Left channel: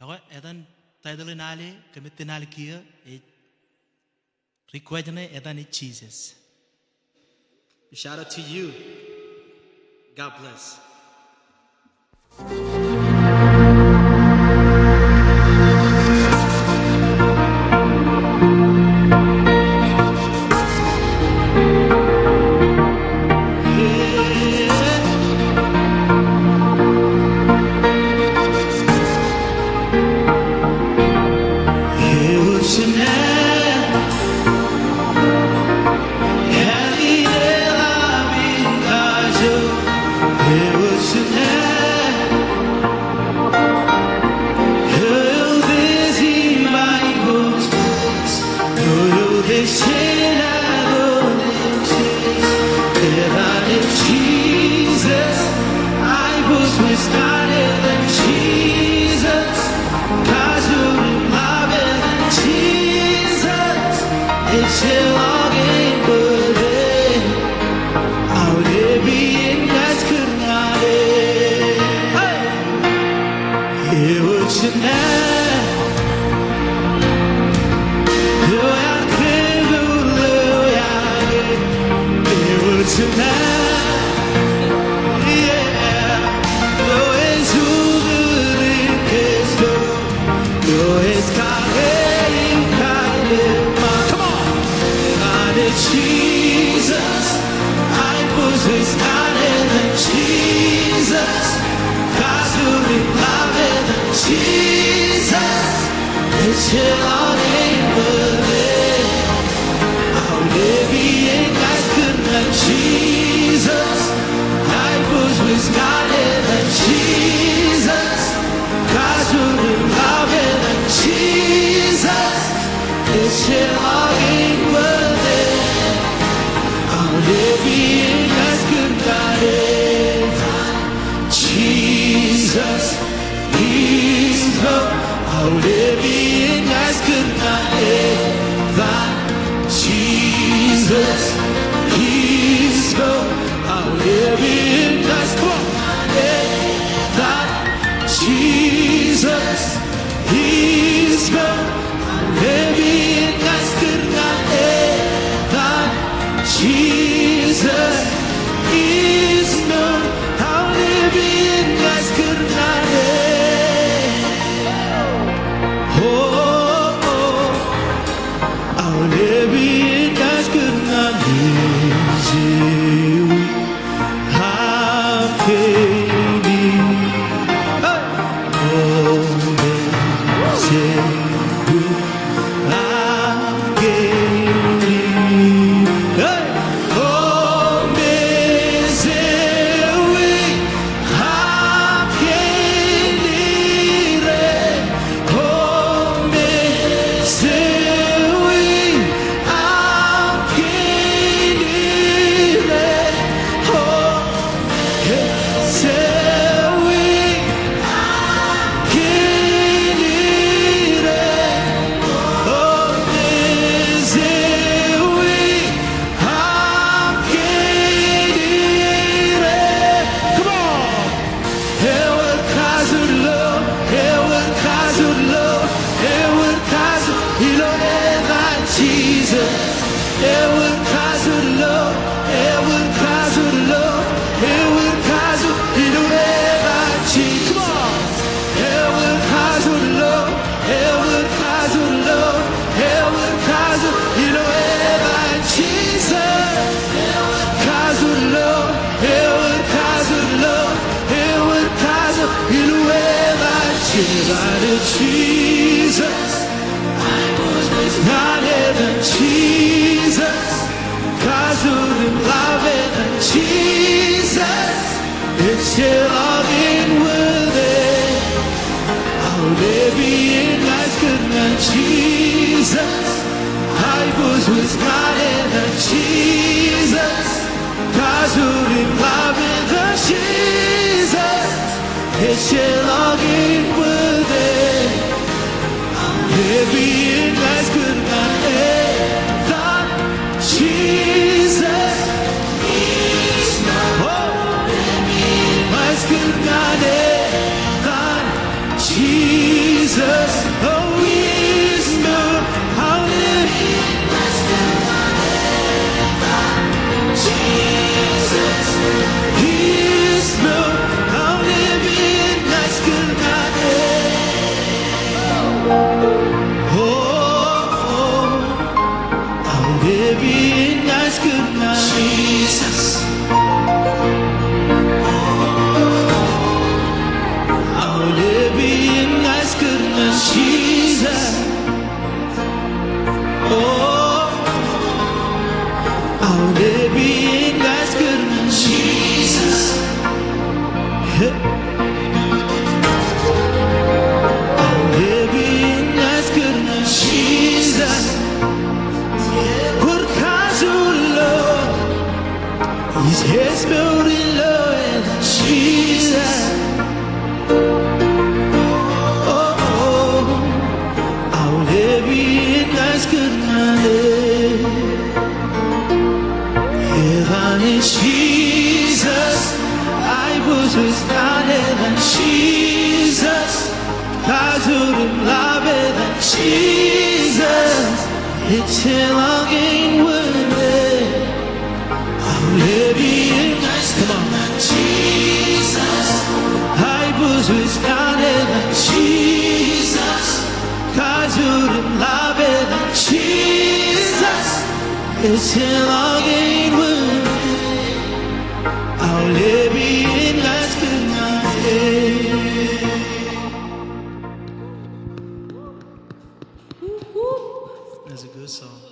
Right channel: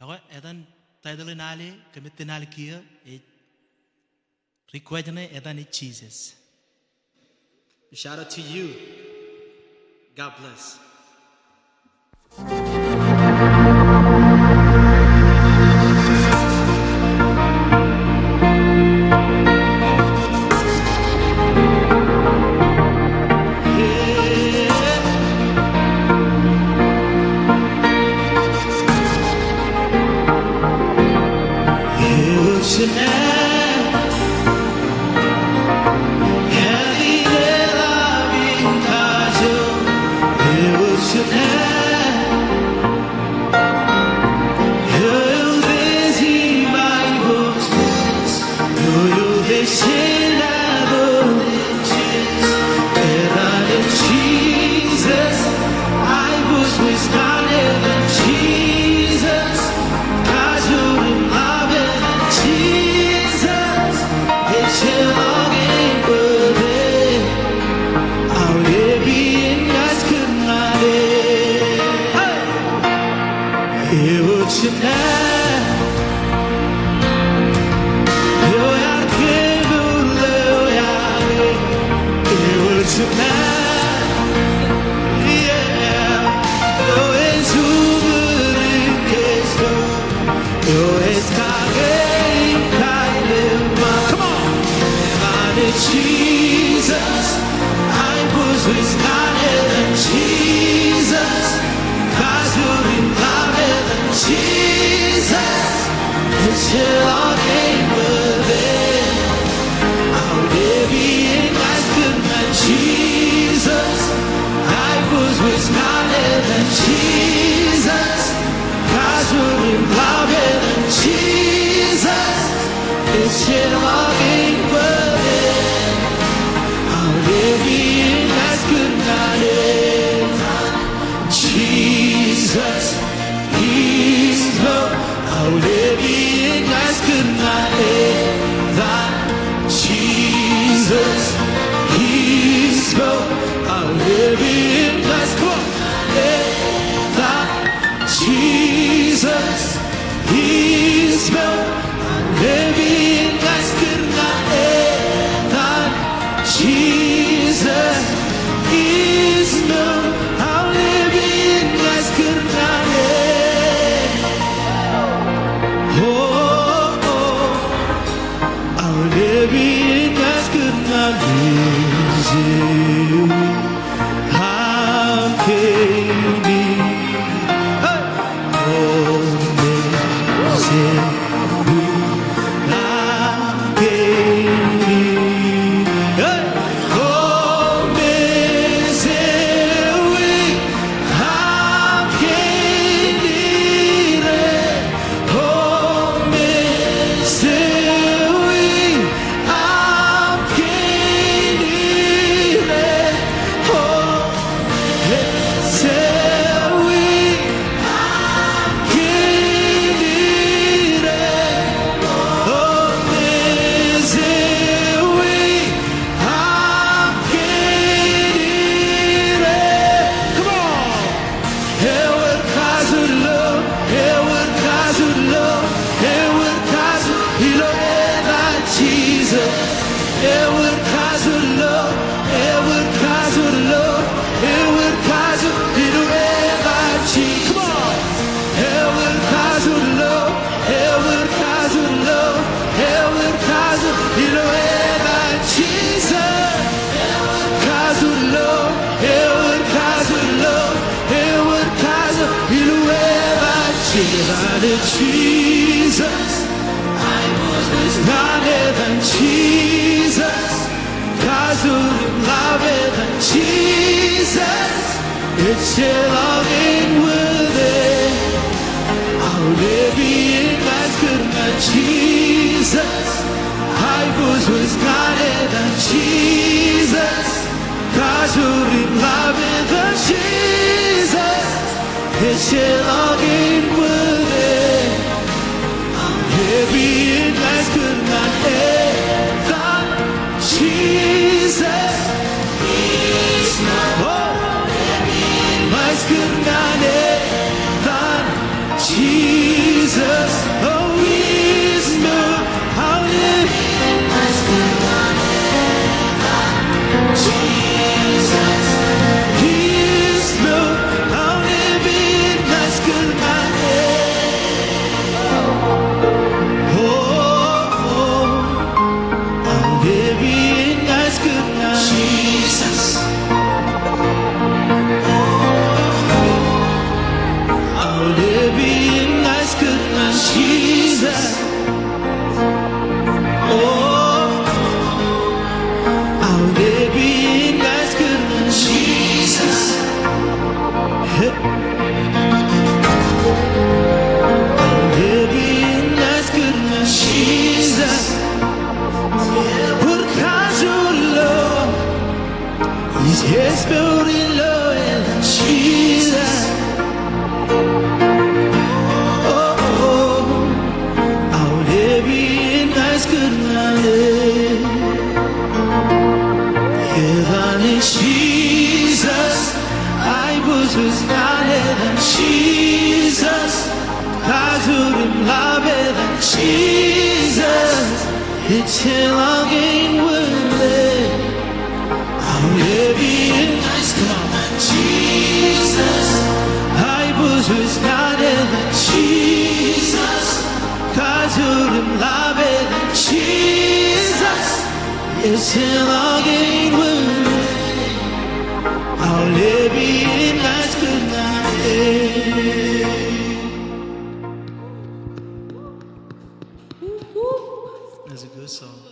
Ako, etan title nali, kamit nali kia, request na etan Jesus. Shout out to you. God bless. Jesus, I was with God than Jesus, cause you're in love than Jesus, it's your login with it. I'll be in God's Kurnale. It was your name. You are Kibble, it was your name. Yeah, yo es uberin kesko, yo es kagem kaidema. Come on, and Jesus, I was with harder than Jesus, cause you're in love than Jesus. It's your longing with it. I'll be in God's goodness, Jesus. I was with God than Jesus, cause you're in love than Jesus. It's your longing with it. I'll be in God's goodness, Jesus. He's Lord. I'll be in God's goodness, that Jesus. He's Lord. I'll live in God's, come on, that Jesus, He's Lord. I'll live in God's goodness, that Jesus is Lord. I'll live in God's goodness. Oh, I'll live in God's goodness. I'm Katie. Oh, we I'm Katie. Oh, I'm Katie. Oh, I'm Jesus, Edward Kazurlo, Edward Kazurlo, Edward Kazur, come on, Edward Kazurlo, Edward Kazurlo, Edward Kazur, Jesus, Kazurlo, Edward Kazurlo, Edward Kazur, Jesus. Harder than Jesus, cause you're in love than Jesus. It's still longing with it. I'll be in God's goodness, Jesus. I was with God than Jesus, cause you're in love than Jesus. It's still longing with it. Baby, in God's good man, that Jesus is my good man, that Jesus. Jesus, oh, His milk, I'll live. His milk, I'll live in nice good life. Oh, I'll live in nice good life. I'll live in nice good and Jesus. Oh, I'll live in nice good and Jesus. I'll live in nice good and Jesus. Por causa do Lord, His head's building low and Jesus. I'll live in nice good night. Heaven in Jesus, I was heaven Jesus. 가수름 라베던 Jesus. It's hell again with it. I'll live in, come on. Jesus, I was heaven Jesus. 가수름 라베던 Jesus. It's hell again with it. I'll live in nice good night. That's a good song.